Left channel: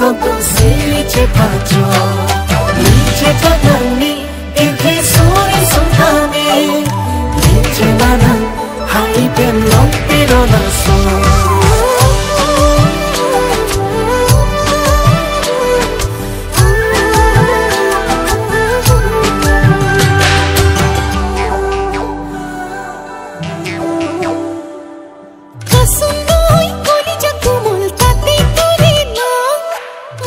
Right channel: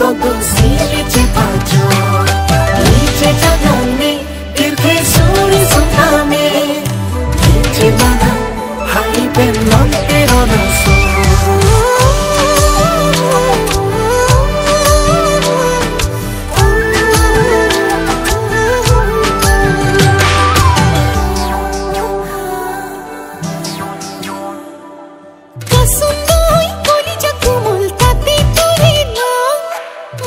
Todo silje pacho Lice jagani Irhi suri sunami Lice mana Hai pelong tirona so Kasundoi koli jakumul tate ture na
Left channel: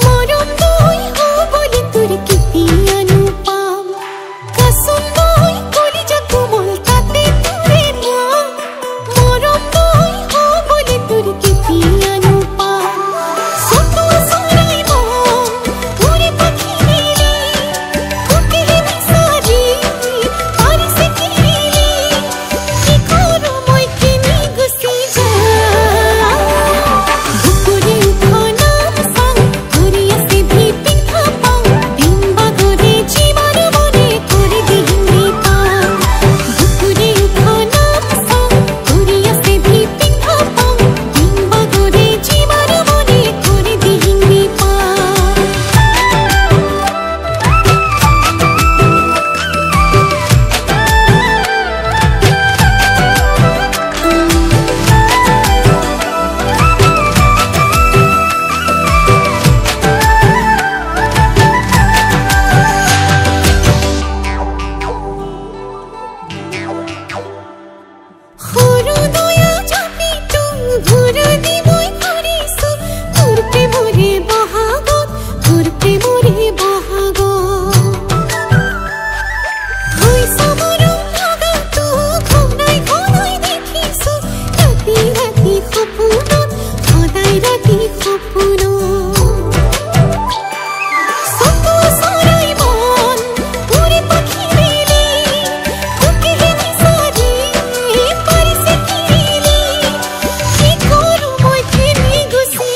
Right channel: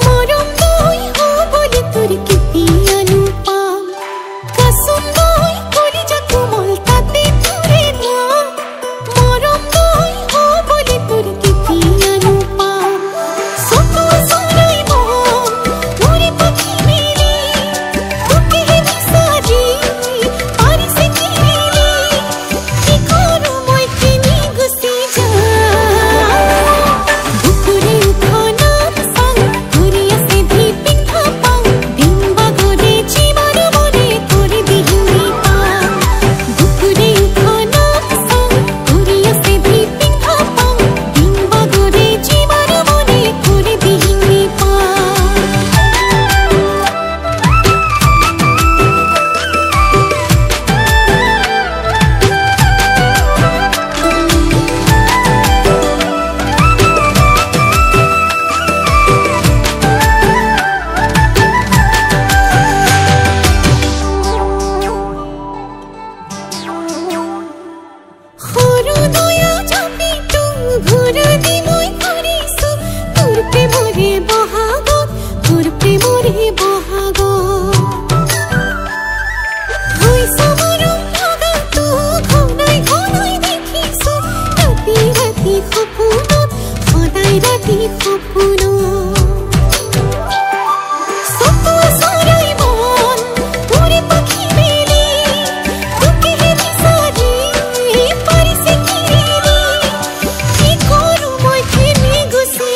Morom doi ho bole ture kiti anupam Kasundoi koli jakumul tate ture na Morom doi ho bole ture kiti anupam Soto asorai mon ure pakhi mele Tuke he bisari pari se kirili Ki koru moi kini gusi তোর প্রেমরে বহাগ হইছা মরম লাগা তো ঘনাই ঘনাই দেখিছ রাতি রাতি সপোনত সদায় রাতি সপোনত সতো চৰাই মন উৰে পাখি মেলি তোকেহে বিচাৰি পাৰিছে কিৰিলি কি কৰো মই কেনে গুচি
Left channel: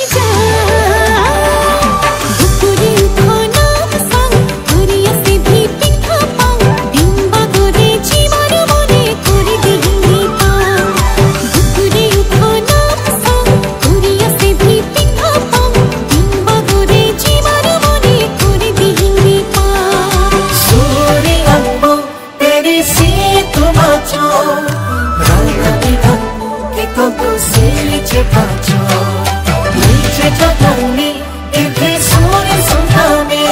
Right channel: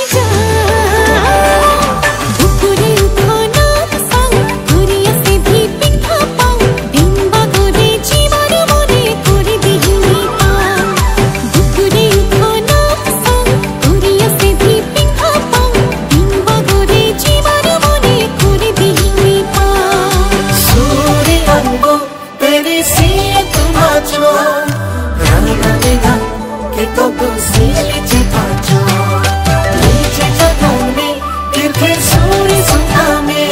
Todo silje pacho Lice jagani Irhi suri sunami